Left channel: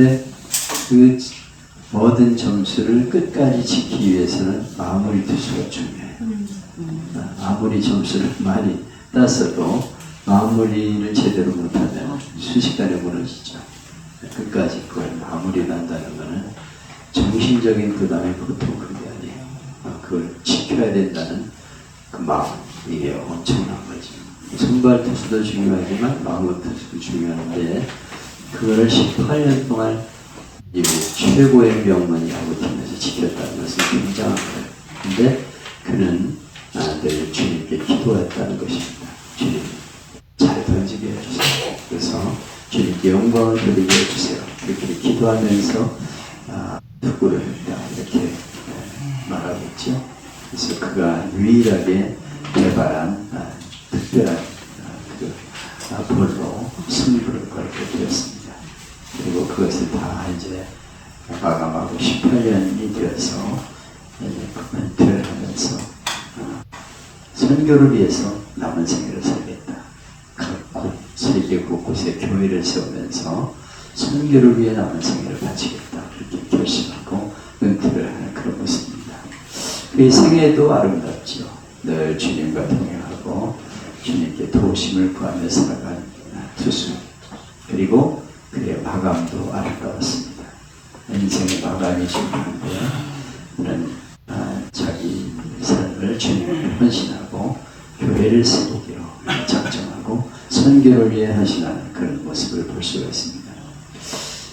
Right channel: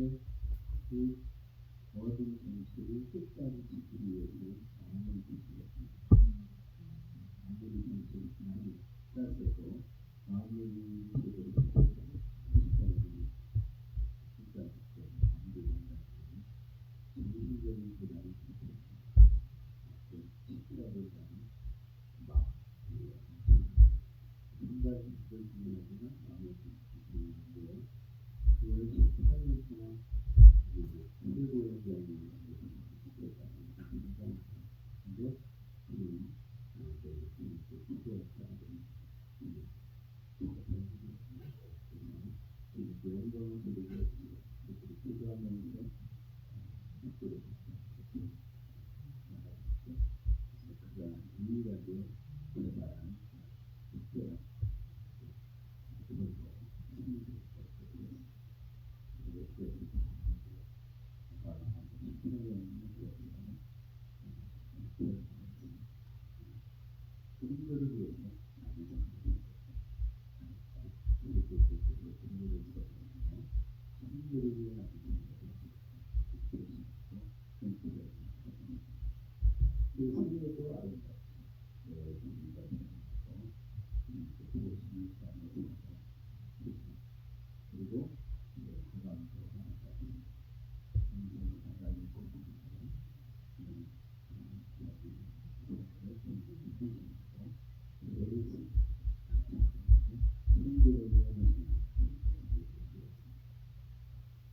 근데 그 모든 점수를 끝까지 지키기 위해서는 마무리 투수가 중요해요. 아무리 점수를 많이 땄어도 마무리를 제대로 못하면 순식간에 무너지죠. 끝까지 그걸 마무리를 한다는 것은 정신적인 부담이 보통 그게 아니에요. 그걸 지켜야 된다는 그 마음, 이게 엄청난 거지. 선발 투수도 중요하지만 마무리 투수도 중요한데 그거를 18년 동안 이 최고의 명문이 야구팀에서 지켰다는 것은 굉장한 거예요. 근데 그는 늘 주님께 기도했다는 것입니다. 주님 잘 던지게 해주세요. 그래서 주님께 영광을 드리게 해주세요. 이렇게 기도하면서 투구를 이렇게 말하겠죠. 그래서 그가 유일하게 개발한 특별한 볼로 승부를 걸게 되었습니다. 그리고 그것을 다 이제 마감하고 18년이 되어서 코멘트를 하면서 선교를 위해서 남은 생애를 살겠다. 각 세계 곳곳에 교회를 세우면서 선교를 위해 남은 생애를 바치겠다. 그렇게 결심하고 은퇴를 하는 그런 모습입니다. 그의 생애도 아름답죠. 늘 주님과 동행하고 주님께 도우심을 구하며 살아간 투수. 그리고 그의 마감도 아름다웠습니다. 인생의 마감이 중요한데 그는 자기 삶을 주님께 헌신하고 교회를 세우기로 작정하고 선교를 위해 헌신하는 그런 모습을 볼 수가 있습니다.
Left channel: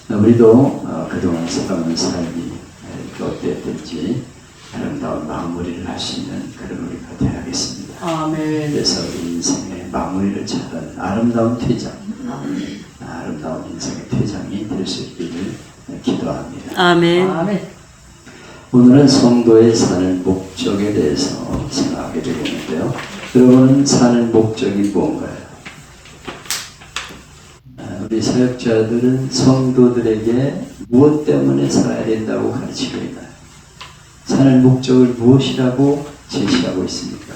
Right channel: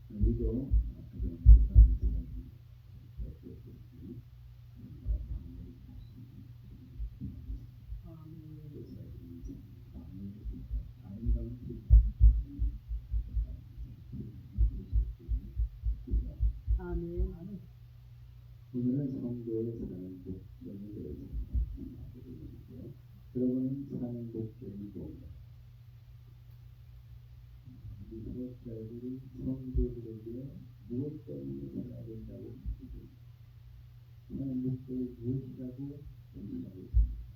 우리도 그동안 살아온 삶이 어땠든지 아름다운 마무리를 할 수 있는 그런 우리가 되어야겠습니다. 아멘. 그래서 우리 인생의 마무리를 찾은 아름다운 퇴장, 아름다운 인생의 퇴장이 될 수 있기를 기도합니다. 아멘. 아멘. 오늘은 성도의 사는 목적에 대해서 생각하게 되겠는데요. 여러분은 사는 목적이 뭔가요? 우리 사역자들은 성도들에게 무엇 때문에 살아야 된다고 가르치고 있나요? 사는 목적을 무엇이라고 제시하고 있습니까?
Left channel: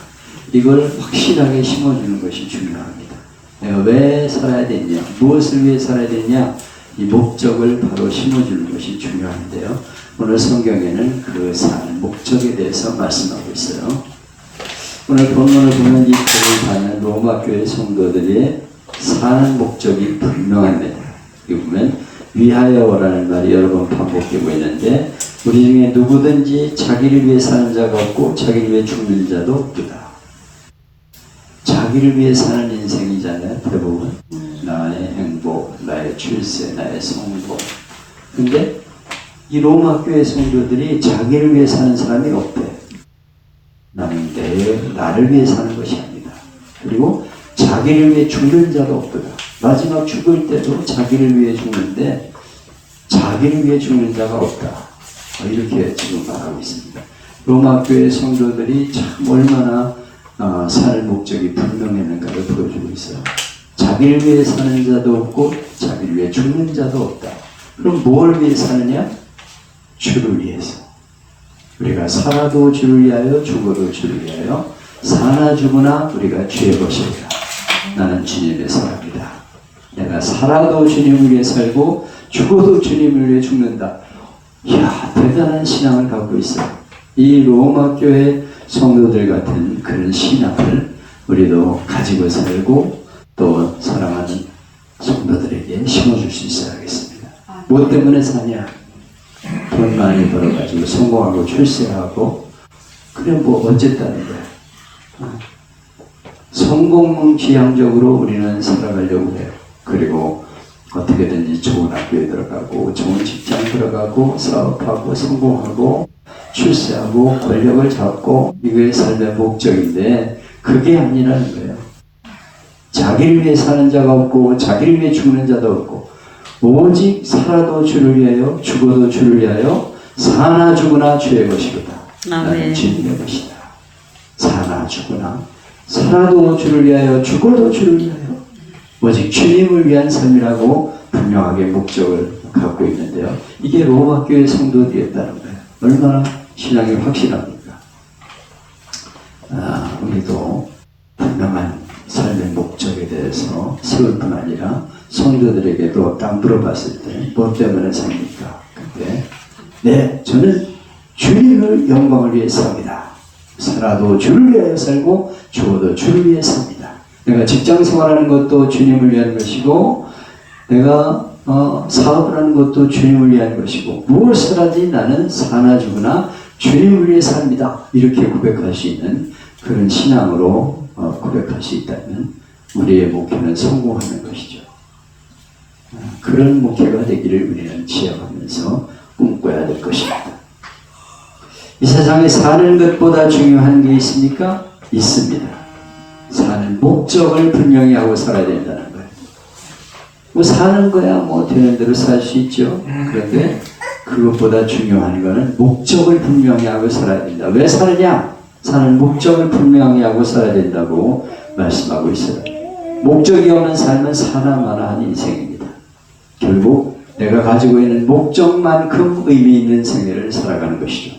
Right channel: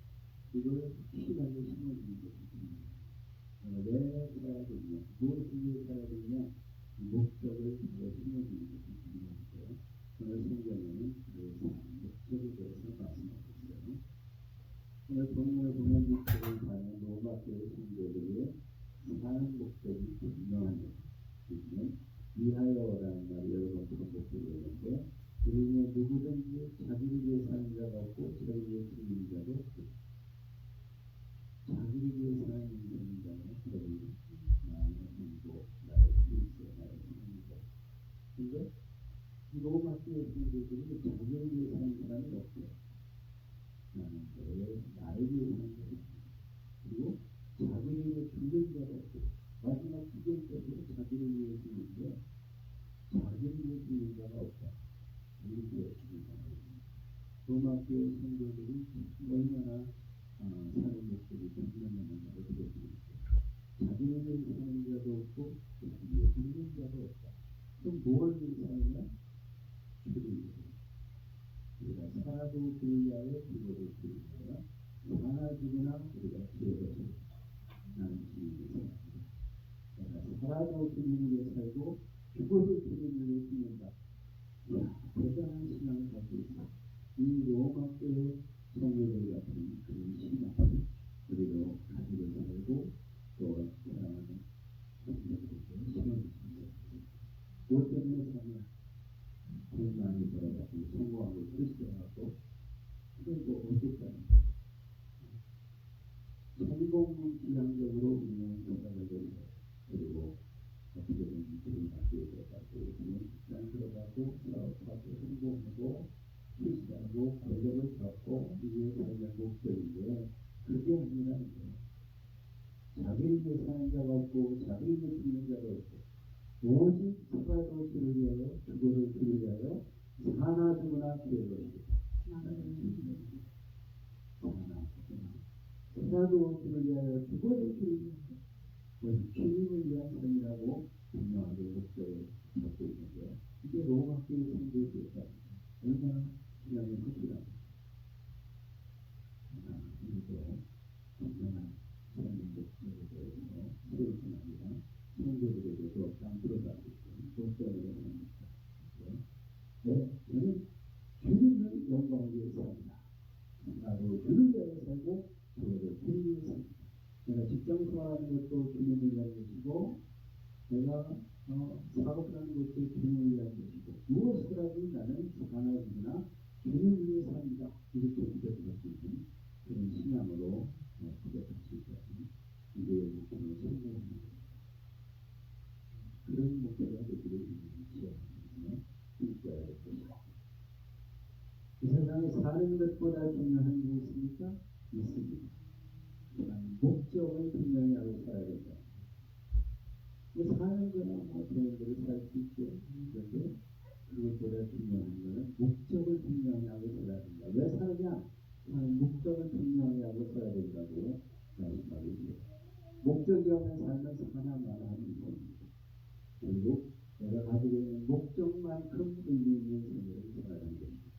이걸 확실하게 심어주는 것이 중요합니다. 내가 왜 살아야 되냐, 무엇을 위해 살아야 되냐, 이 목적을 바로 심어주는 것이 중요한데요. 오늘 성경에는 그 사는 목적에 대해서 말씀하고 있어요. 오늘 본문을 보면 이 책을 받는 로마 교회 성도들의 사는 목적이 분명합니다. 여기 보면 위하여라는 말이 여러 번 반복되고 있는데 우리 중에 누구든지 자기를 위해 사는 자가 없고 자기를 위해 죽는 자도 없다. 자기를 위해 사는 인생이잖아요. 대부분 나의 행복, 나의 출세, 나의 성공. 근데 이 로마 교회 성도들이 자기를 위해 사는 사람이 없대. 나는 나를 위해 사는 것이 아니다. 그리고 자기를 위해 죽는 자도 없더라. 마지막 죽을 때도 자기를 위해 죽는데 자기를 위해 죽는 자가 없다. 이렇게 지금 말하고 있습니다. 로마 교회 성도들이 참 얼마나 사는 목적이 분명했는가를 보여주고 있어요. 자기를 위해 사는 자도 없고 자기를 위해 죽는 자도 없다. 그럼 뭘 위해 사느냐? 주를 위해서. 우리가 살아도 주를 위하여 죽어도 주를 위하여 사나 죽으나 우리가 주의 것이다. 나는 주님의 사람이다. 내가 살아도 주님을 위해 살고 죽어도 주님을 위해 죽는다. 이야, 대단한 신앙을 갖고 있어요. 이 로마 교회 성도들 같은 그런 신앙을 우리도 가지고 살고 또 사랑하는 성도들에게 심어줄 수 있어야겠습니다. 뭐 때문에 사냐? 돈 많이 벌어가지고 성공하고 출세하고 그래 뭐 어쨌다는 거야. 성공은 지향적으로 우리는 살아가려고 해요. 그리고 어떻게든지 좋은 학교에 들어가고 좋은 직장 들어가고 사업하고 성공하고 출세하고 권력을 잡고 이게 삶의 목적인데 그게 아니라는 거예요. 자기를 위해 사는 자가 없고 자기를 위해 죽는 자도 없고 오직 살아도 주를 위하여 죽어도 주를 위하여 사나 죽으나 주의 것이로다. 나는 주님의 것이다. 사나 죽으나 살아도 주를 위하여 죽어도 주를 위하여 오직 주님을 위한 삶이라고 분명하게 목적을 갖고 있는데요. 이게 로마 교회 성도들이었다는 거예요. 얼마나 신앙이 확실합니까? 우리도 분명한 삶의 목적에 대해서 세울 뿐 아니라 성도들에게도 딱 물어봤을 때 뭐 때문에 삽니까? 근데 네, 저는 주님을 영광을 위해 삽니다. 살아도 주를 위해 살고 죽어도 주를 위해 삽니다. 내가 직장 생활하는 것도 주님을 위한 것이고 내가 사업을 하는 것도 주님을 위한 것이고 무엇을 하든지 나는 사나 죽으나 주님을 위해 삽니다. 이렇게 고백할 수 있는 그런 신앙으로 고백할 수 있다면 우리의 목표는 성공하는 것이죠. 그런 목표가 되기를 우리는 지향하면서 꿈꿔야 될 것입니다. 이 세상에 사는 것보다 중요한 게 있습니까? 있습니다. 사는 목적을 분명히 하고 살아야 된다는 거예요. 뭐 사는 거야 뭐 되는 대로 살 수 있죠. 그런데 그것보다 중요한 거는 목적을 분명히 하고 살아야 된다. 왜 사느냐? 사는 목적을 분명히 하고 살아야 된다고 말씀하고 있어요. 목적이 없는 삶은 사나마나한 인생입니다. 결국 내가 가지고 있는 목적만큼 의미 있는 생애를 살아가는 것이죠.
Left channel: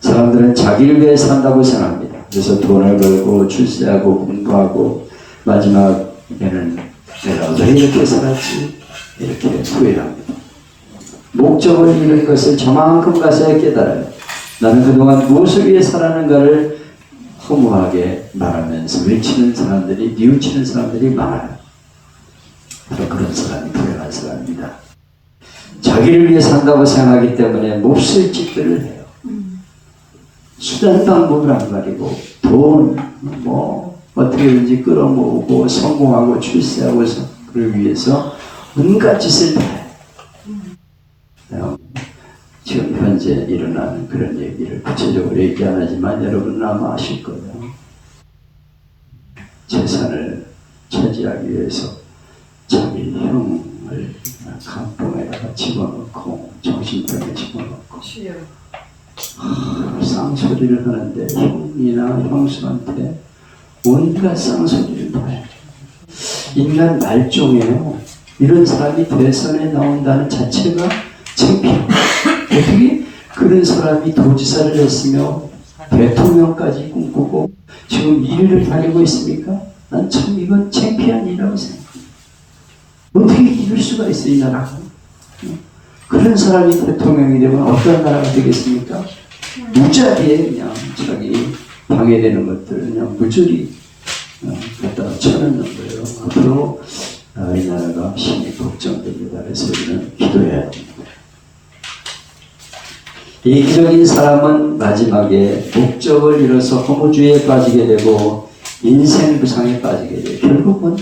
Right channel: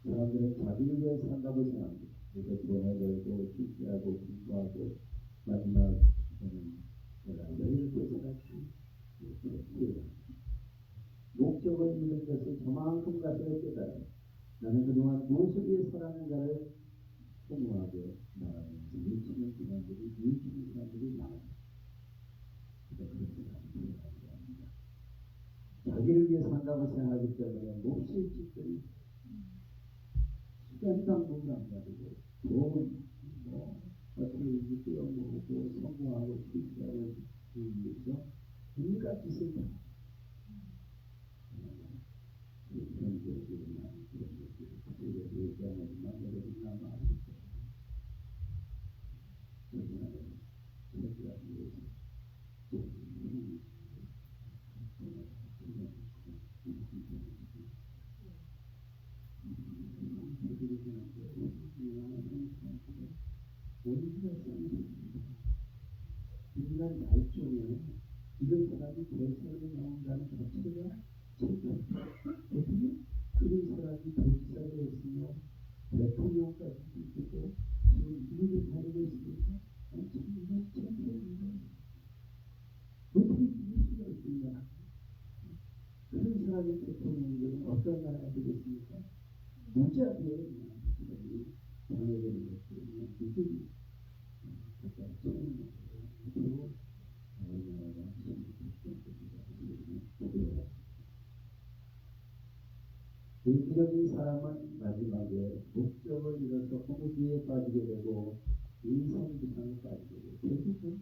사람들은 자기를 위해 산다고 생각합니다. 그래서 돈을 벌고 출세하고 공부하고 마지막에는 내가 왜 이렇게 살았지? 이렇게 후회합니다. 목적을 잃은 것을 저만큼 가서야 깨달아요. 나는 그동안 무엇을 위해 살았는가를 허무하게 말하면서 외치는 사람들이, 뉘우치는 사람들이 많아요. 바로 그런 사람이 불행한 사람입니다. 자기를 위해 산다고 생각하기 때문에 몹쓸 짓들을 해요. 수단 방법을 안 가리고 돈, 어떻게든지 끌어모으고 성공하고 출세하고 그를 위해서 온갖 짓을 다 해요. 지금 현재 일어나는 그런 얘기를 구체적으로 얘기 안 하지만 여러분은 아마 아실 거예요. 재산을 차지하기 위해서 자기 형을 감봉에다가 집어넣고 정신병에 집어넣고 쌍소리를 하는데 형이나 형수한테 온갖 쌍소리를 다 해요. 인간 말종이에요. 이런 사람이 대선에 나온다는 자체가 창피해요. 어떻게 그런 사람이 도지사를 했으며 대통령까지 꿈꾸고 지금 일을 다니고 있습니까? 난 참 이건 창피한 일이라고 생각합니다. 어떻게 이럴 수가 있어 이 나라가. 그런 사람이 대통령이 되면 어떤 나라가 되겠습니까? 무자비에 그냥 자기 방해되는 것들 그냥 무조리 갖다가 쳐넣는 거예요. 앞으로 이 나라가 심히 걱정됩니다. 그래서 우리는 기도해야 됩니다. 이기적인 사람은 마지막에 목적을 잃어서 허무주의에 빠지게 되고 인생 부상에 빠지게 돼요. 결국은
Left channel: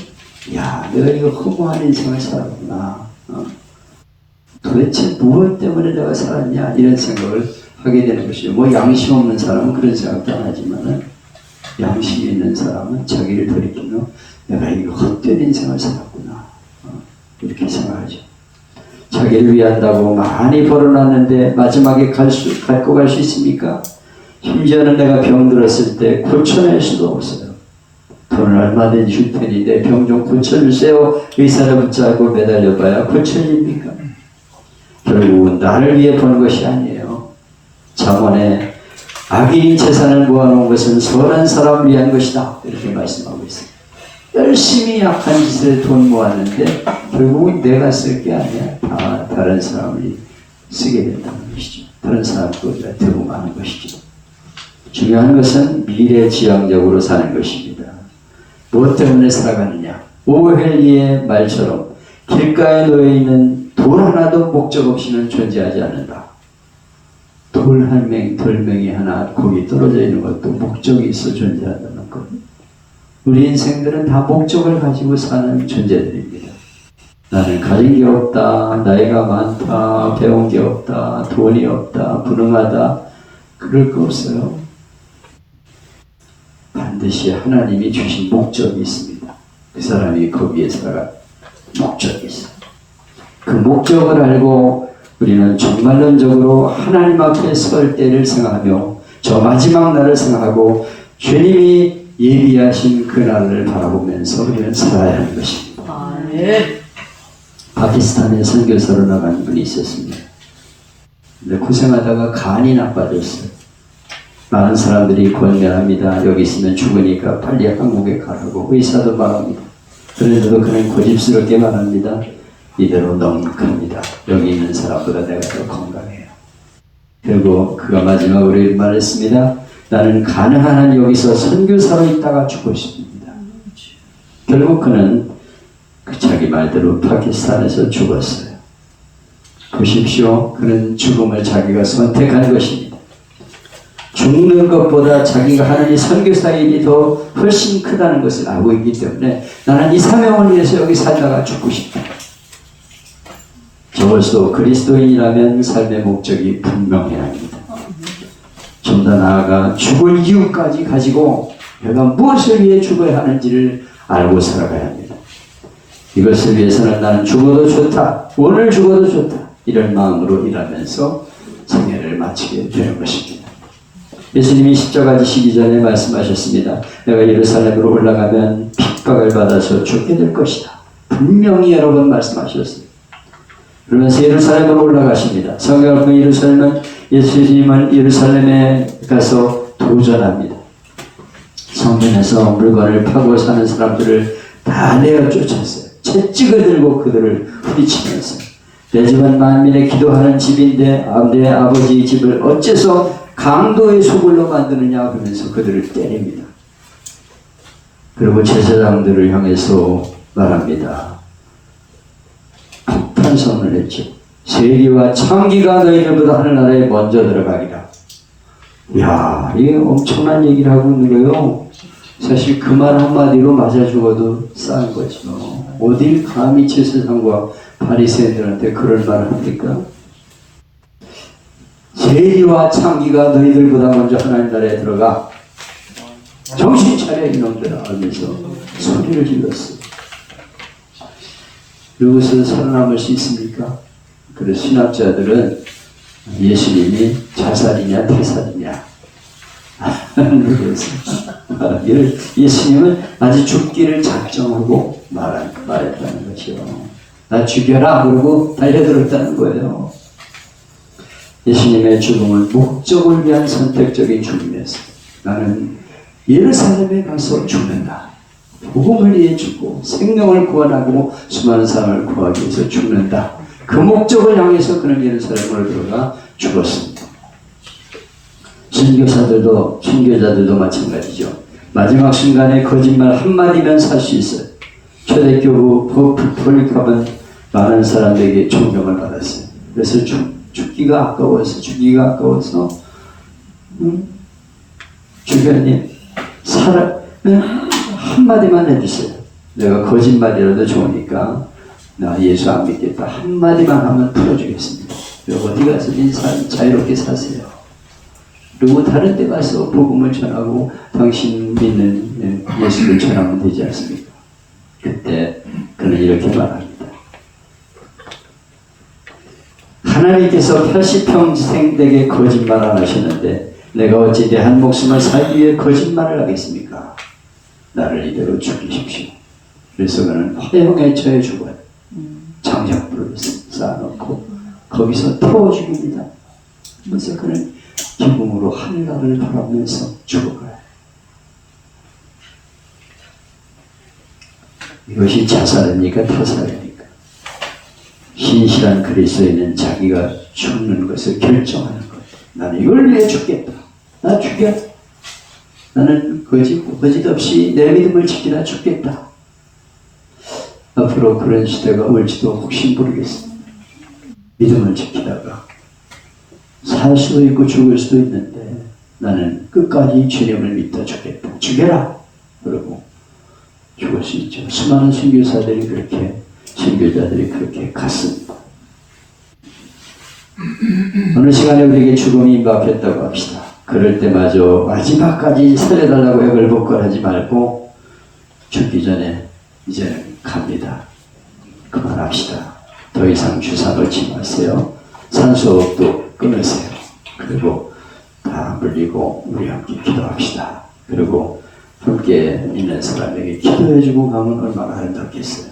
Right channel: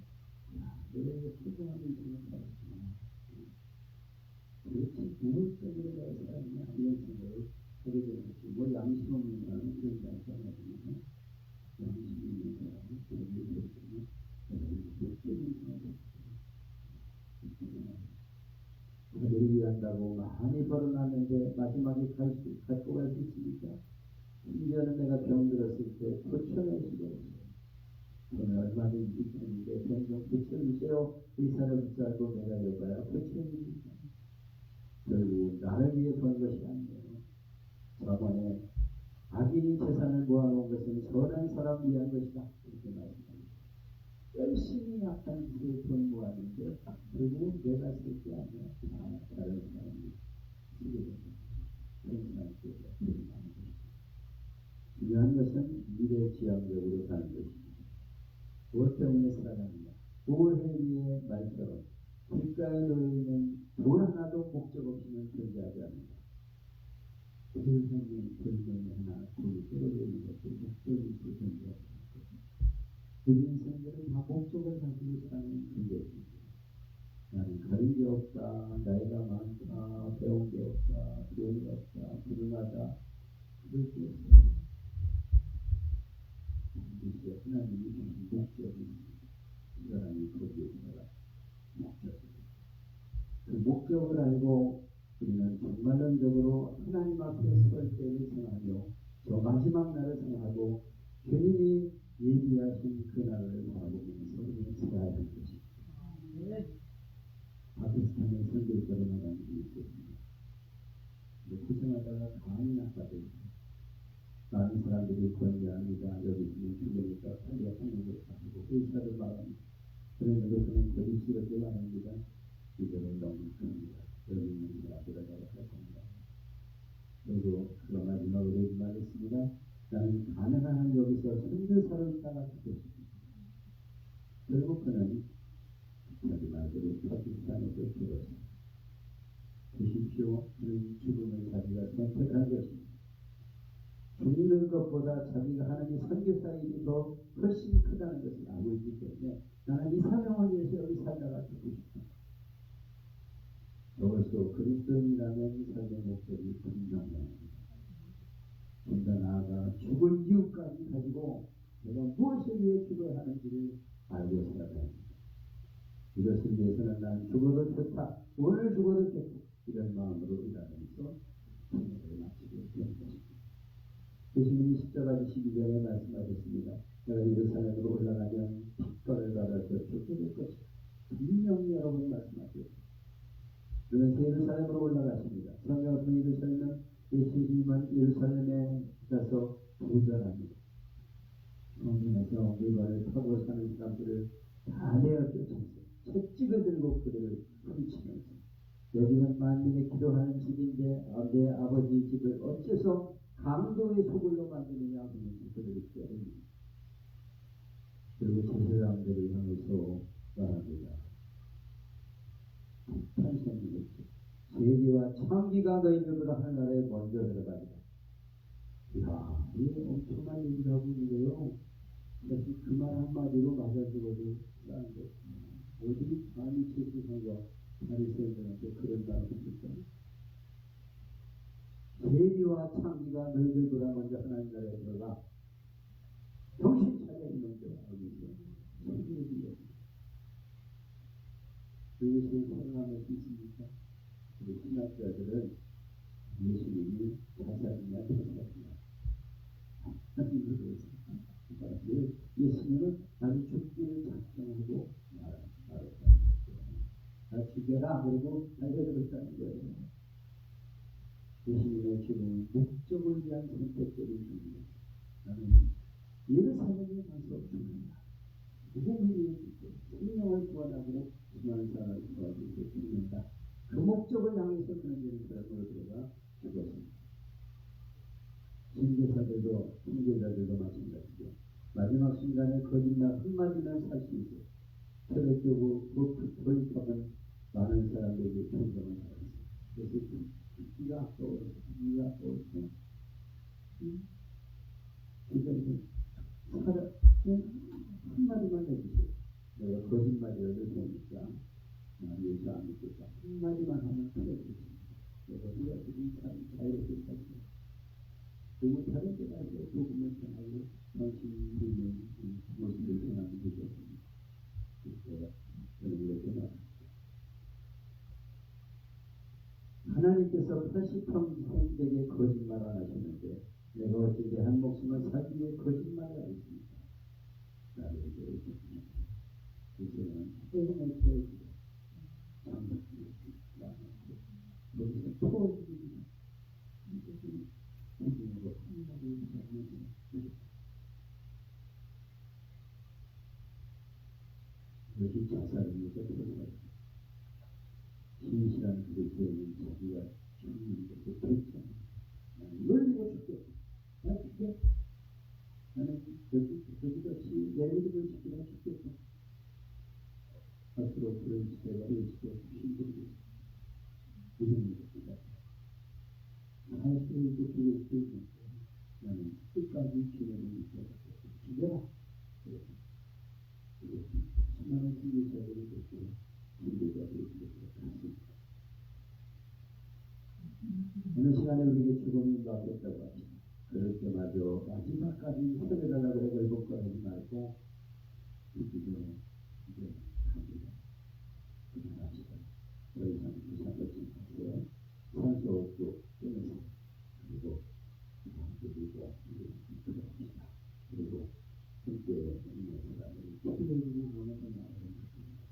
내가 이거 허무한 인생을 살았구나. 도대체 무엇 때문에 내가 살았냐 이런 생각을 하게 되는 것이죠. 뭐 양심 없는 사람은 그런 생각도 안 하지만은 양심이 있는 사람은 자기를 돌이키며 내가 이거 헛된 인생을 살았구나 이렇게 생각하죠. 자기를 위한다고 많이 벌어놨는데 마지막에 갖고 갈 수 있습니까? 심지어는 내가 병들었을 때 고쳐낼 수도 없어요. 돈을 얼마든지 줄 테니 내 병 좀 고쳐주세요. 의사를 붙잡고 매달려봐야 고쳐집니까? 결국은 나를 위해 버는 것이 아니에요. 잠언에 악인이 재산을 모아놓은 것은 선한 사람을 위한 것이다 이렇게 말씀하고 있어요. 열심히 악한 짓에 돈 모았는데 결국은 내가 쓸 게 아니야. 다 다른 사람이 쓰게 된다는 것이죠. 다른 사람 것보다 더 많은 것이죠. 중요한 것은 미래지향적으로 사는 것입니다. 무엇 때문에 살아가느냐? 오헬리의 말처럼 길가에 놓여있는 돌 하나도 목적 없이는 존재하지 않는다. 돌명이 하나 거기 떨어져 있는 것도 목적이 있어 존재한다는 것. 우리 인생들은 다 목적을 가지고 사는 존재들입니다. 나는 가진 게 없다, 나이가 많다, 배운 게 없다, 돈이 없다, 불능하다 그럴 거 없어요. 반드시 하나님이 주신 목적이 있습니다. 그 사람이 거기에 살아갈 목적이 있어요. 그 목적을 알고 우리는 정말론적으로 하나님 앞에 설 때를 생각하며 저 마지막 날을 생각하고 주님이 예비하신 그 날을 바라보면서 우리는 살아야 하는 것입니다. 파키스탄에 선교사로 나간 분이 있었습니다. 근데 고생하다가 간이 나빠졌어요. 많은 사람들이 권면합니다. 여기 있으면 죽으니까 빨리 한국에 가라고 의사도 말합니다. 그런데도 그는 고집스럽게 말합니다. 이대로 넉넉합니다. 여기 있는 사람보다 내가 더 건강해요. 그리고 그가 마지막으로 이렇게 말했습니다. 나는 가능한 한 여기서 선교사로 있다가 죽고 싶습니다. 결국 그는 자기 말대로 파키스탄에서 죽었어요. 보십시오. 그는 죽음을 자기가 선택한 것입니다. 죽는 것보다 자기가 하는 이 선교사의 일이 더 훨씬 크다는 것을 알고 있기 때문에 나는 이 사명을 위해서 여기 살다가 죽고 싶다. 적어도 그리스도인이라면 삶의 목적이 분명해야 합니다. 좀 더 나아가 죽을 이유까지 가지고 내가 무엇을 위해 죽어야 하는지를 알고 살아가야 합니다. 이것을 위해서는 나는 죽어도 좋다, 오늘 죽어도 좋다, 이런 마음으로 일하면서 생애를 마치게 되는 것입니다. 예수님이 십자가 지시기 전에 말씀하셨습니다. 내가 예루살렘으로 올라가면 핍박을 받아서 죽게 될 것이다. 분명히 여러 번 말씀하셨어요. 그러면서 예루살렘으로 올라가십니다. 성경을 보면 예수님은 예루살렘에 가서 도전합니다. 성전에서 물건을 파고 사는 사람들을 다 내어 쫓았어요. 채찍을 들고 그들을 후리치면서 내 집은 만민의 기도하는 집인데 내 아버지의 집을 어째서 강도의 소굴로 만드느냐 그러면서 그들을 때립니다. 그리고 제사장들을 향해서 말합니다. 폭탄선을 했죠. 세리와 창기가 너희들보다 하늘나라에 먼저 들어가리라. 이야, 이게 엄청난 얘기를 하고 있는 거예요. 사실 그 말 한마디로 맞아 죽어도 싼 거죠. 어딜 감히 제사장과 바리새인들한테 그럴 말을 합니까? 세리와 창기가 너희들보다 먼저 하나님 나라에 들어가. 정신 차려 이놈들아 하면서 소리를 질렀어요. 여기서 살아남을 수 있습니까? 그래서 신학자들은 예수님이 자살이냐 태살이냐 예수님은 아직 죽기를 작정하고 말했다는 것이요. 나 죽여라 그러고 달려들었다는 거예요. 예수님의 죽음은 목적을 위한 선택적인 죽음이었어요. 나는 예루살렘에 가서 죽는다. 복음을 위해 죽고 생명을 구원하고 수많은 사람을 구하기 위해서 죽는다. 그 목적을 향해서 그는 예루살렘으로 들어가 죽었습니다. 선교자들도 마찬가지죠. 마지막 순간에 거짓말 한마디면 살 수 있어요. 초대교부 폴리캅은 많은 사람들에게 존경을 받았어요. 그래서 죽기가 아까워서 주변님 한마디만 해주세요. 내가 거짓말이라도 좋으니까 나 예수 안 믿겠다. 한마디만 하면 풀어주겠습니다. 어디 가서 인사 자유롭게 사세요. 그리고 다른 데 가서 복음을 전하고 당신 믿는 예수를 전하면 되지 않습니까? 그때 그는 이렇게 말합니다. 하나님께서 80평생 내게 거짓말 안 하셨는데 내가 어찌 내 한 목숨을 살기 위해 거짓말을 하겠습니까? 나를 이대로 죽이십시오. 그래서 그는 화형에 처해 죽어요. 장작불을 쌓아놓고 거기서 태워 죽입니다. 그래서 그는 기쁨으로 하늘나라를 바라보면서 죽어가요. 이것이 자살입니까? 타살입니까? 신실한 그리스도인은 자기가 죽는 것을 결정하는 거예요. 나는 이걸 위해 죽겠다. 나 죽여. 나는 거짓 없이 내 믿음을 지키다 죽겠다. 앞으로 그런 시대가 올지도 혹시 모르겠습니다. 믿음을 지키다가 살 수도 있고 죽을 수도 있는데 나는 끝까지 주님을 믿다 죽겠다. 죽여라! 그러고 죽을 수 있죠. 수많은 선교사들이 그렇게, 선교자들이 그렇게 갔습니다. 어느 시간에 우리에게 죽음이 임박했다고 합시다. 그럴 때마저 마지막까지 살려달라고 애걸복걸하지 말고 죽기 전에 이제 갑니다. 그만합시다. 더 이상 주사 놓지 마세요. 산소호흡도 끊으세요. 그리고 다 물리고 우리 함께 기도합시다. 그리고 함께 있는 사람에게 기도해주고 가면 얼마나 아름답겠어요.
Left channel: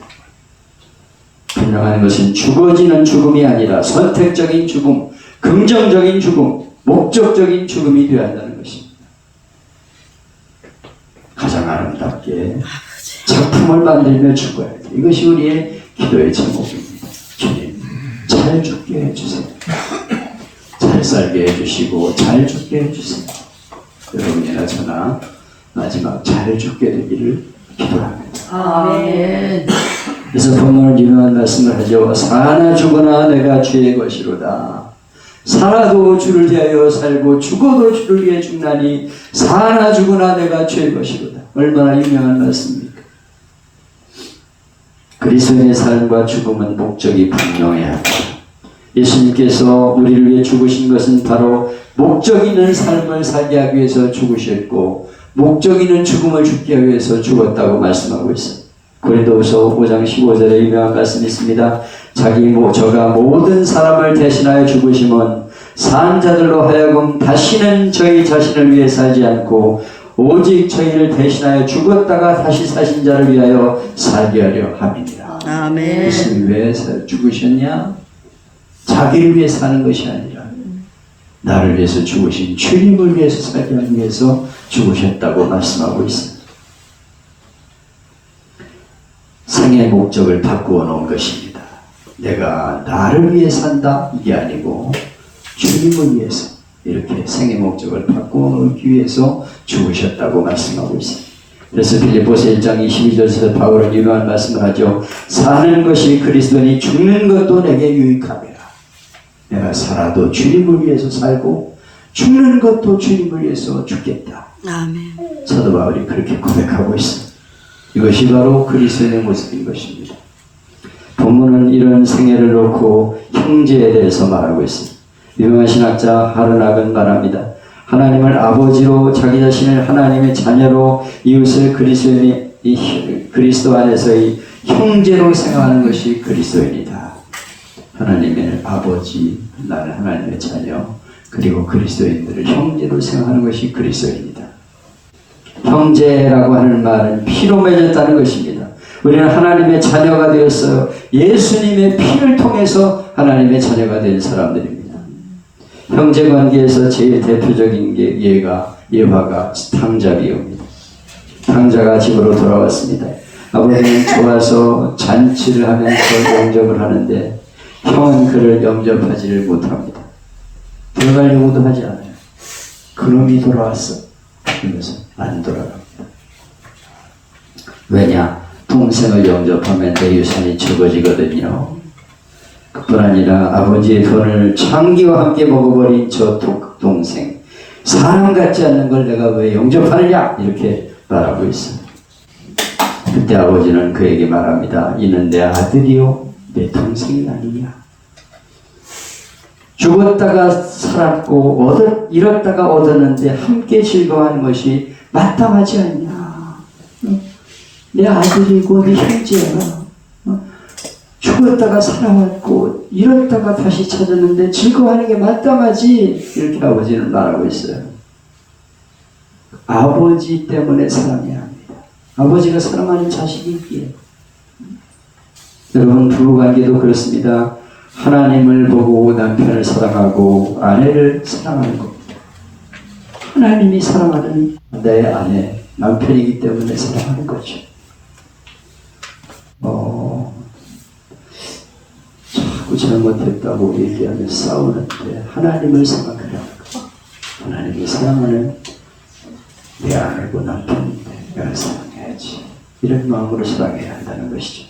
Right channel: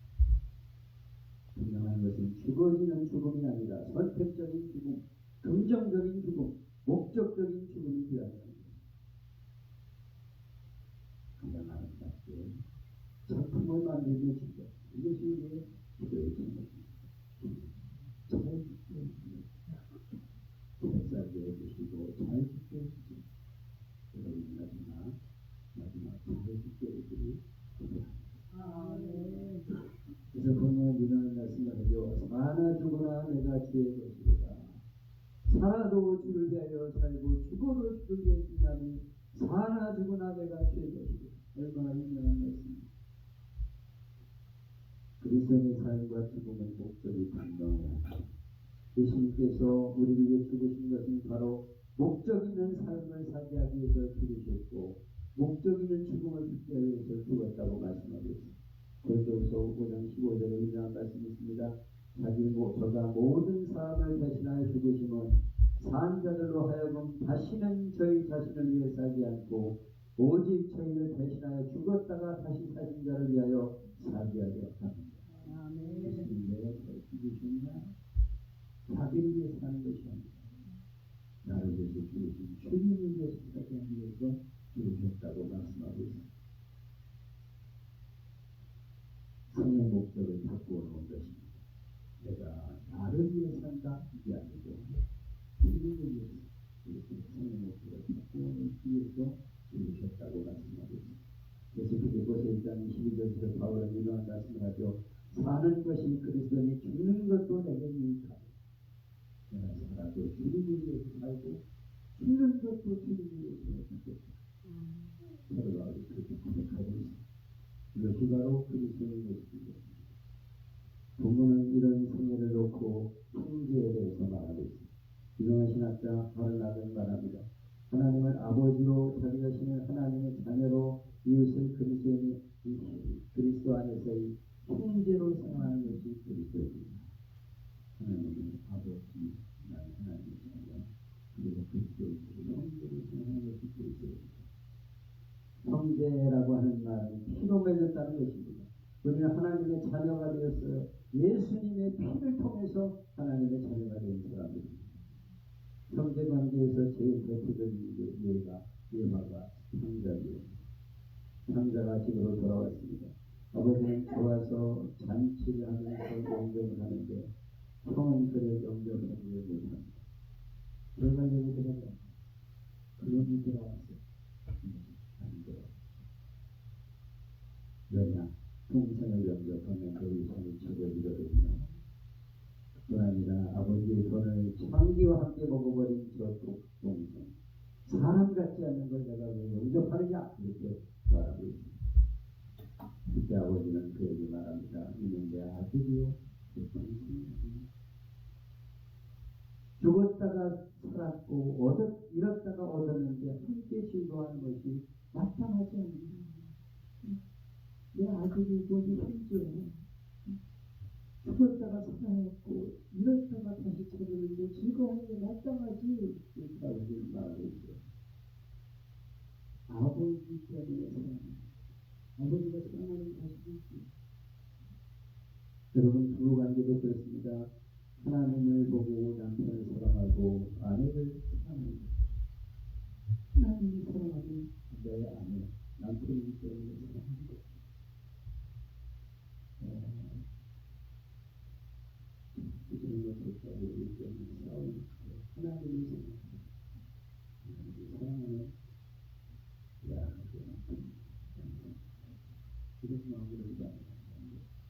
분명한 것은 죽어지는 죽음이 아니라 선택적인 죽음, 긍정적인 죽음, 목적적인 죽음이 되어야 한다는 것입니다. 가장 아름답게 작품을 만들며 죽어야 돼. 이것이 우리의 기도의 제목입니다. 주님, 잘 죽게 해주세요. 잘 살게 해주시고 잘 죽게 해주세요. 여러분이나 저나 마지막 잘 죽게 되기를 기도합니다. 아멘. 그래서 본문을 유명한 말씀을 하죠. 사나 죽으나 내가 주의 것이로다. 살아도 주를 위하여 살고 죽어도 주를 위해 죽나니 사나 죽으나 내가 주의 것이로다. 얼마나 유명한 말씀입니까? 그리스도인의 삶과 죽음은 목적이 분명해야 합니다. 예수님께서 우리를 위해 죽으신 것은 바로 목적 있는 삶을 살게 하기 위해서 죽으셨고 목적 있는 죽음을 죽게 하기 위해서 죽었다고 말씀하고 있습니다. 고린도후서 5장 15절에 유명한 말씀이 있습니다. 저가 모든 사람을 대신하여 죽으심은 산 자들로 하여금 다시는 저희 자신을 위해 살지 않고 오직 저희를 대신하여 죽었다가 다시 사신 자를 위하여 살게 하려 함이니라. 아멘. 예수님 왜 죽으셨냐? 자기를 위해 사는 것이 아니라 나를 위해서 죽으신 주님을 위해서 살게 하기 위해서 죽으셨다고 말씀하고 있습니다. 생의 목적을 바꾸어 놓은 것입니다. 내가 나를 위해 산다 이게 아니고 주님을 위해서 이렇게 생의 목적을 바꾸어 놓기 위해서 죽으셨다고 말씀하고 있습니다. 그래서 빌립보서 1장 22절에서 바울은 유명한 말씀을 하죠. 사는 것이 그리스도니 죽는 것도 내게 유익함이라. 내가 살아도 주님을 위해서 살고 죽는 것도 주님을 위해서 죽겠다. 아멘. 사도 바울이 그렇게 고백하고 있습니다. 이것이 바로 그리스도인의 모습인 것입니다. 본문은 이런 생애를 놓고 형제에 대해서 말하고 있습니다. 유명한 신학자 하르낙은 말합니다. 하나님을 아버지로 자기 자신을 하나님의 자녀로 이웃을 그리스도 안에서의 형제로 생각하는 것이 그리스도인이다. 하나님의 아버지, 나는 하나님의 자녀, 그리고 그리스도인들을 형제로 생각하는 것이 그리스도인이다. 형제라고 하는 말은 피로 맺었다는 것입니다. 우리는 하나님의 자녀가 되었어요. 예수님의 피를 통해서 하나님의 자녀가 된 사람들입니다. 형제 관계에서 제일 대표적인 게 예화가 탕자비입니다. 탕자가 집으로 돌아왔습니다. 아버지는 좋아서 잔치를 하면서 영접을 하는데 형은 그를 영접하지를 못합니다. 들어가려고도 하지 않아요. 그놈이 돌아왔어. 그러면서 안 돌아갑니다. 왜냐? 동생을 영접하면 내 유산이 적어지거든요. 그뿐 아니라 아버지의 돈을 창기와 함께 먹어버린 저 동생, 사람 같지 않는 걸 내가 왜 영접하느냐? 이렇게 말하고 있어요. 그때 아버지는 그에게 말합니다. 이는 내 아들이요 내 동생이 아니냐. 죽었다가 살았고 잃었다가 얻었는데 함께 즐거워하는 것이 마땅하지 않냐. 내 아들이고 내 형제야. 죽었다가 살아왔고 잃었다가 다시 찾았는데 즐거워하는 게 마땅하지. 이렇게 아버지는 말하고 있어요. 아버지 때문에 사랑해야 합니다. 아버지가 사랑하는 자식이 있기에. 여러분 부부관계도 그렇습니다. 하나님을 보고 남편을 사랑하고 아내를 사랑하는 겁니다. 하나님이 사랑하는 내 아내, 남편이기 때문에 사랑하는 거죠. 자꾸 잘못했다고 얘기하며 싸우는데 하나님을 생각하라는 거. 하나님이 사랑하는 내 아내고 남편인데 내가 사랑해야지. 이런 마음으로 사랑해야 한다는 것이죠.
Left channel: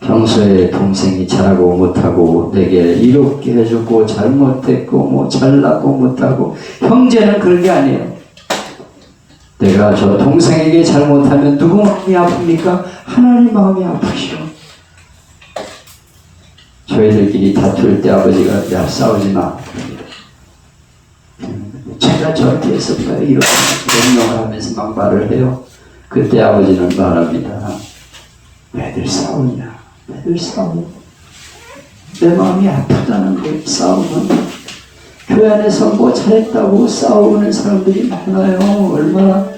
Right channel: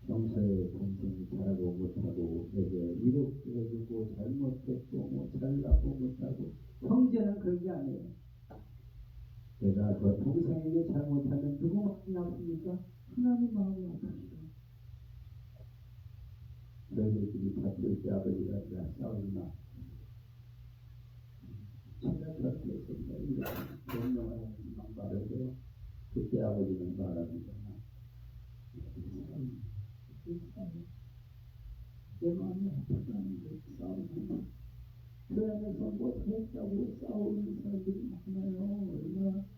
평소에 동생이 잘하고 못하고 내게 이롭게 해주고 잘못했고 잘나고 못하고 형제는 그런 게 아니에요. 내가 저 동생에게 잘못하면 누구 마음이 아픕니까? 하나님 마음이 아프시오. 저희들끼리 다툴 때 아버지가 야 싸우지 마. 제가 저렇게 했었어요. 이렇게 명령을 하면서 막 말을 해요. 그때 아버지는 말합니다. 애들 싸우냐? 애들 싸워. 내 마음이 아프다는 걸 싸우면 교회 안에서 잘했다고 싸우는 사람들이 많아요. 얼마나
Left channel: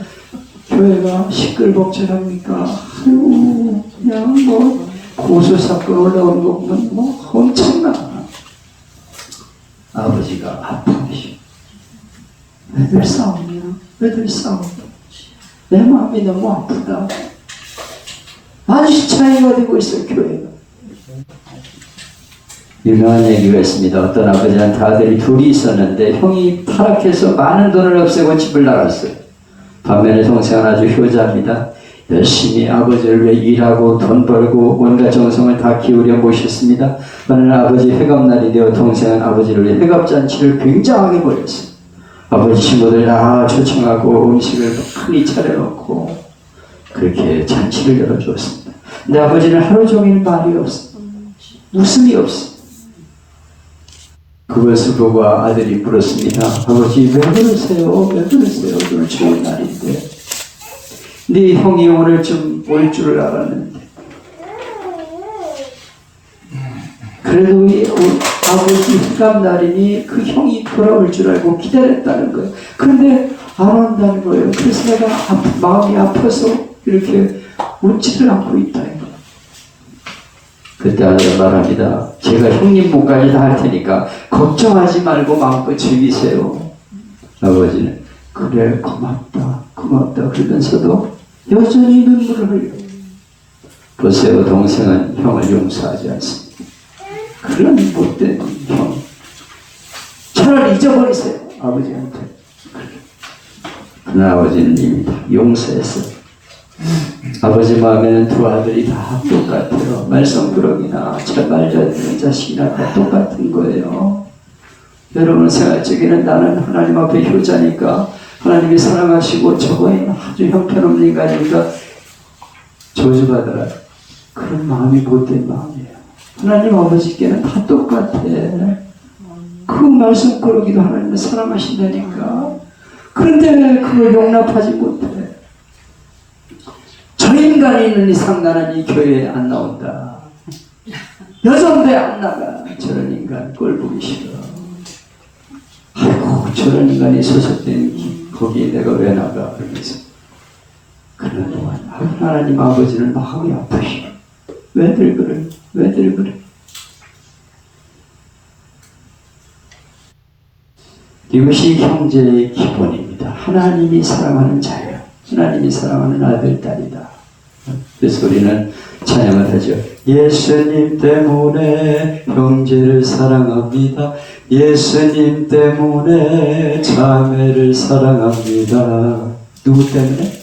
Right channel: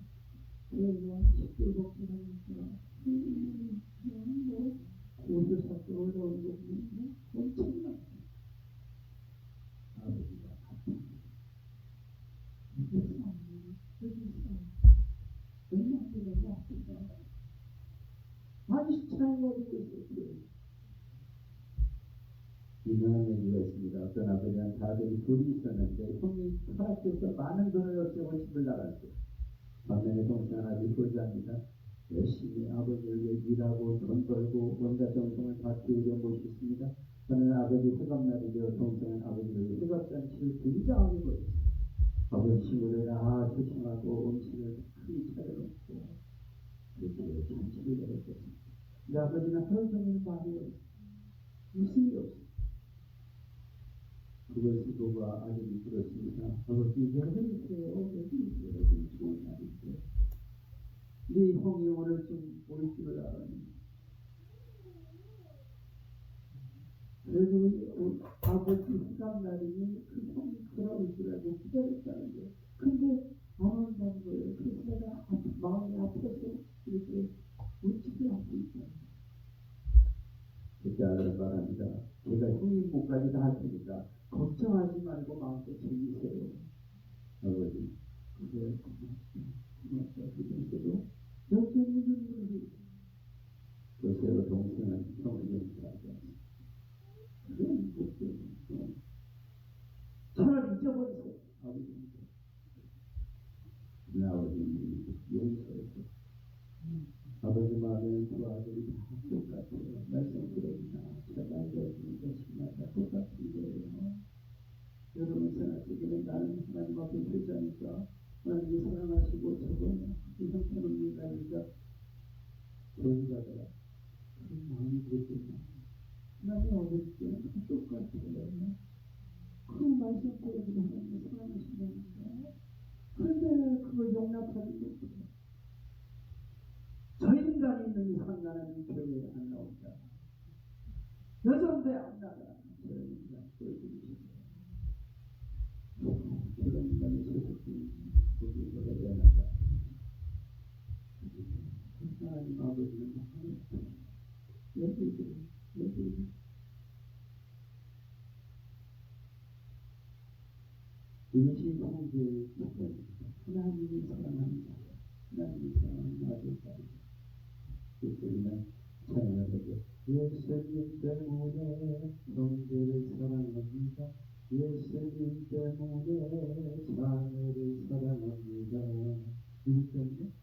교회가 시끌벅적합니까? 아유, 그냥 고소사건 올라오는 거 보면 엄청나. 아버지가 아프시오. 애들 싸우냐? 애들 싸워. 내 마음이 너무 아프다. 아주 차이가 되고 있어요, 교회가. 유명한 얘기가 있습니다. 어떤 아버지한테 아들이 둘이 있었는데 형이 타락해서 많은 돈을 없애고 집을 나갔어요. 반면에 동생은 아주 효자입니다. 열심히 아버지를 위해 일하고 돈 벌고 온갖 정성을 다 기울여 모셨습니다. 그러나 아버지 회갑날이 되어 동생은 아버지를 위해 회갑잔치를 굉장하게 벌였어요. 아버지 친구들 다 초청하고 음식을 많이 차려놓고 그렇게 잔치를 열어주었습니다. 근데 아버지는 하루 종일 말이 없어요. 웃음이 없어요. 그것을 보고 아들이 물었습니다. 아버지 왜 그러세요? 왜 그러세요? 오늘 좋은 날인데. 네 형이 오늘 좀 올 줄 알았는데. 그래도 아버지 휴갑날이니 그 형이 돌아올 줄 알고 기다렸다는 거예요. 그런데 안 온다는 거예요. 그래서 내가 마음이 아파서 이렇게 웃지를 않고 있다. 그때 아들은 말합니다. 제가 형님 목까지 다 할 테니까 걱정하지 말고 마음껏 즐기세요. 아버지는 그래 고맙다 고맙다 그러면서도 여전히 눈물을 흘려. 보세요. 동생은 형을 용서하지 않습니다. 그런 못된 형 차라리 잊어버리세요. 아버지한테. 그러나 아버지는 이미 용서했어요. 아버지 마음에는 두 아들이 다 똑같아요. 말썽꾸러기나 말 잘 듣는 자식이나 다 똑같은 거예요. 여러분 생활적에는 나는 하나님 앞에 효자니까 하나님이 사랑하시고 저거는 아주 형편없는 인간이니까 저주받아라. 그런 마음이 못된 마음이에요. 하나님 아버지께는 다 똑같아. 그 말썽꾸러기도 하나님을 사랑하신다니까. 그런데 그걸 용납하지 못해. 저 인간이 있는 이상 나는 이 교회에 안 나온다. 여전배 안 나가. 저런 인간 꼴 보기 싫어. 아이고 저런 인간이 소속된 거기에 내가 왜 나가. 그러면서 그런 동안 하나님 아버지는 마음이 아프시오. 왜들 그래? 왜들 그래? 이것이 형제의 기본입니다. 하나님이 사랑하는 자예요. 하나님이 사랑하는 아들, 딸이다. 그래서 우리는 찬양을 하죠. 예수님 때문에 형제를 사랑합니다. 예수님 때문에 자매를 사랑합니다. 누구 때문에?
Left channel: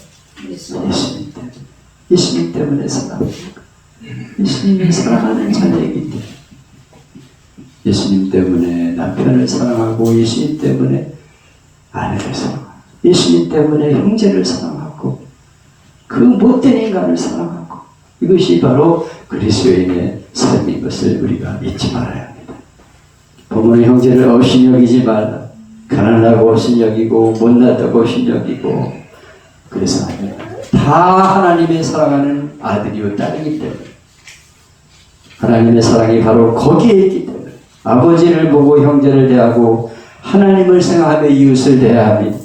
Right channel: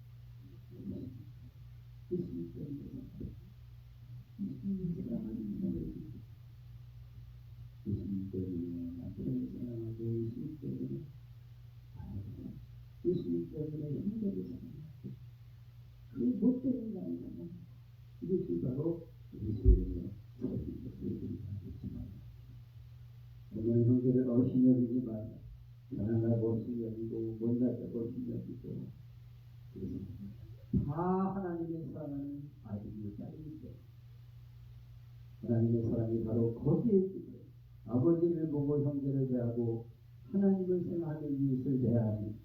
예수님 때문에. 예수님 때문에 사랑합니다. 예수님이 사랑하는 자녀이기 때문에. 예수님 때문에 남편을 사랑하고 예수님 때문에 아내를 사랑하고 예수님 때문에 형제를 사랑하고 그 못된 인간을 사랑하고 이것이 바로 그리스도인의 삶인 것을 우리가 잊지 말아야 합니다. 부모는 형제를 없인 여기지 말라. 가난하고 없인 여기고 못났다고 없인 여기고 그래서 다 하나님의 사랑하는 아들이요 딸이기 때문에 하나님의 사랑이 바로 거기에 있기 때문에 아버지를 보고 형제를 대하고 하나님을 생각하며 이웃을 대합니다.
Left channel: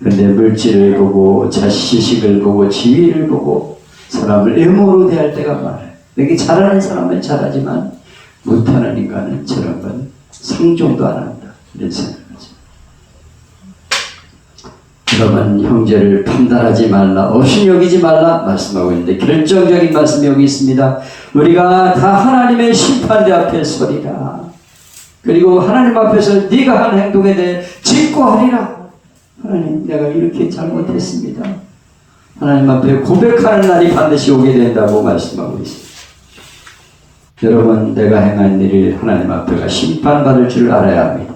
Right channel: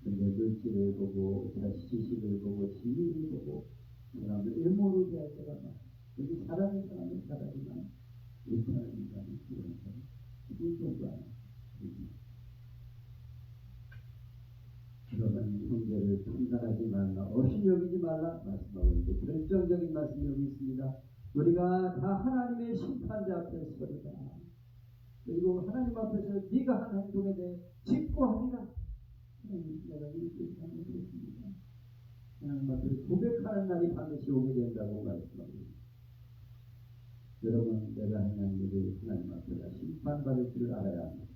그런데 물질을 보고 자식을 보고 지위를 보고 사람을 애모로 대할 때가 많아요. 이렇게 잘하는 사람은 잘하지만 못하는 인간은 저런 건 상종도 안 한다. 이런 생각하죠. 여러분 형제를 판단하지 말라. 없인 여기지 말라 말씀하고 있는데 결정적인 말씀이 여기 있습니다. 우리가 다 하나님의 심판대 앞에 서리라. 그리고 하나님 앞에서 네가 한 행동에 대해 직고하리라. 하나님 내가 이렇게 잘못했습니다. 하나님 앞에 고백하는 날이 반드시 오게 된다고 말씀하고 있습니다. 여러분 내가 행한 일을 하나님 앞에가 심판받을 줄 알아야 합니다.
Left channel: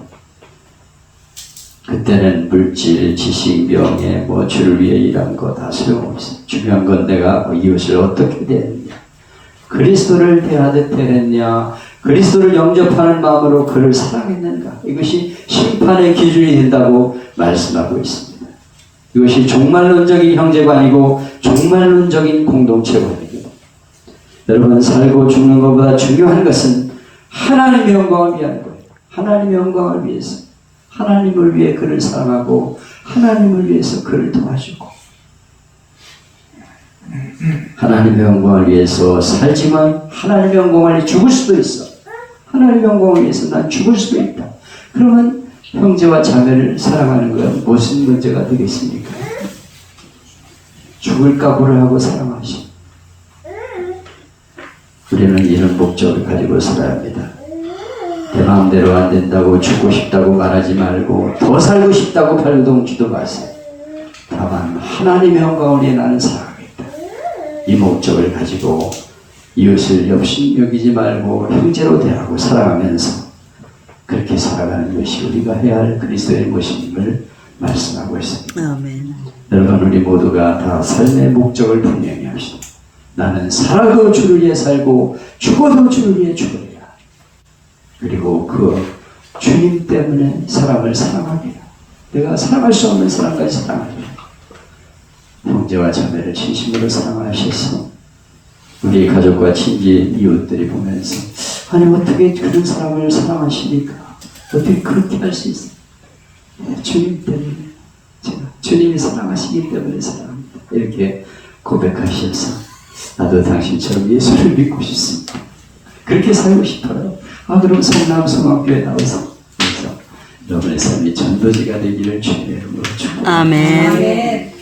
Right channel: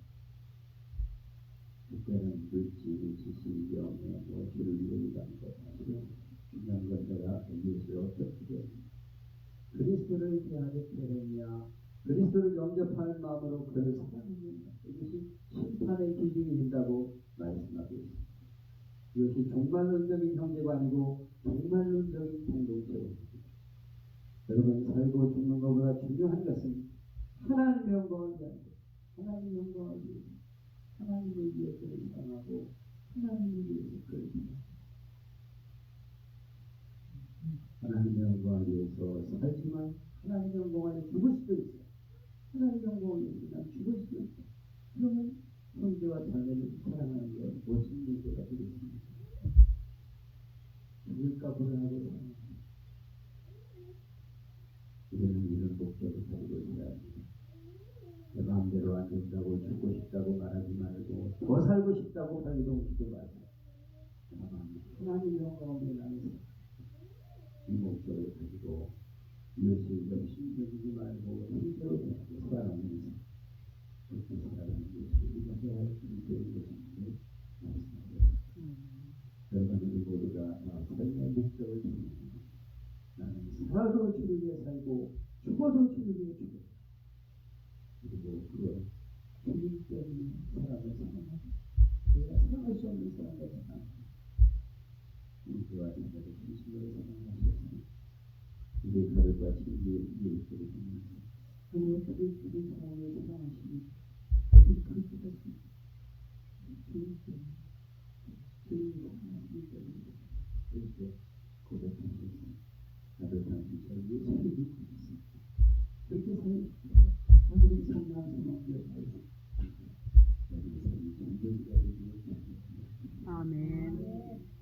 그때는 물질, 지식, 명예, 주를 위해 일한 거 다 소용없어요. 중요한 건 내가 이웃을 어떻게 대했냐. 그리스도를 대하듯 대했냐. 그리스도를 영접하는 마음으로 그를 사랑했는가. 이것이 심판의 기준이 된다고 말씀하고 있습니다. 이것이 종말론적인 형제관이고 종말론적인 공동체관입니다. 여러분 살고 죽는 것보다 중요한 것은 하나님의 영광을 위한 거예요. 하나님의 영광을 위해서. 하나님을 위해 그를 사랑하고 하나님을 위해서 그를 도와주고 하나님의 영광을 위해서 살지만 하나님의 영광을 위해 죽을 수도 있어. 하나님의 영광을 위해서 난 죽을 수도 있다. 그러면 형제와 자매를 사랑하는 건 무슨 문제가 되겠습니까? 죽을 각오를 하고 사랑하시고 우리는 이런 목적을 가지고 살아야 합니다. 내 마음대로 안 된다고 죽고 싶다고 말하지 말고 더 살고 싶다고 발동치도 마세요. 다만 하나님의 영광을 위해 나는 살아가겠다. 이 목적을 가지고 이웃을 여기지 말고 형제로 대하고 사랑하면서 그렇게 살아가는 것이 우리가 해야 할 그리스도의 모습임을 말씀하고 있습니다. 아멘. 여러분 우리 모두가 다 삶의 목적을 분명히 합시다. 나는 살아도 주를 위해 살고 죽어도 주를 위해 죽으리라. 그리고 그 주님 때문에 사람을 사랑하리라. 내가 사랑할 수 없는 사람까지 사랑하리라. 형제와 자매를 진심으로 사랑하셔서 우리 가족과 친지 이웃들이 보면서 아니 어떻게 그런 사람을 사랑하십니까? 어떻게 그렇게 할 수 있어요? 주님 때문에 제가 주님이 사랑하시기 때문에 사랑합니다. 이렇게 고백하셔서 나도 당신처럼 예수를 믿고 싶습니다. 그렇게 살고 싶어요. 그럼 성남 성악교회 나와서 그래서 여러분의 삶이 전도지가 되기를 주님의 이름으로 축복합니다. 아멘. 아멘.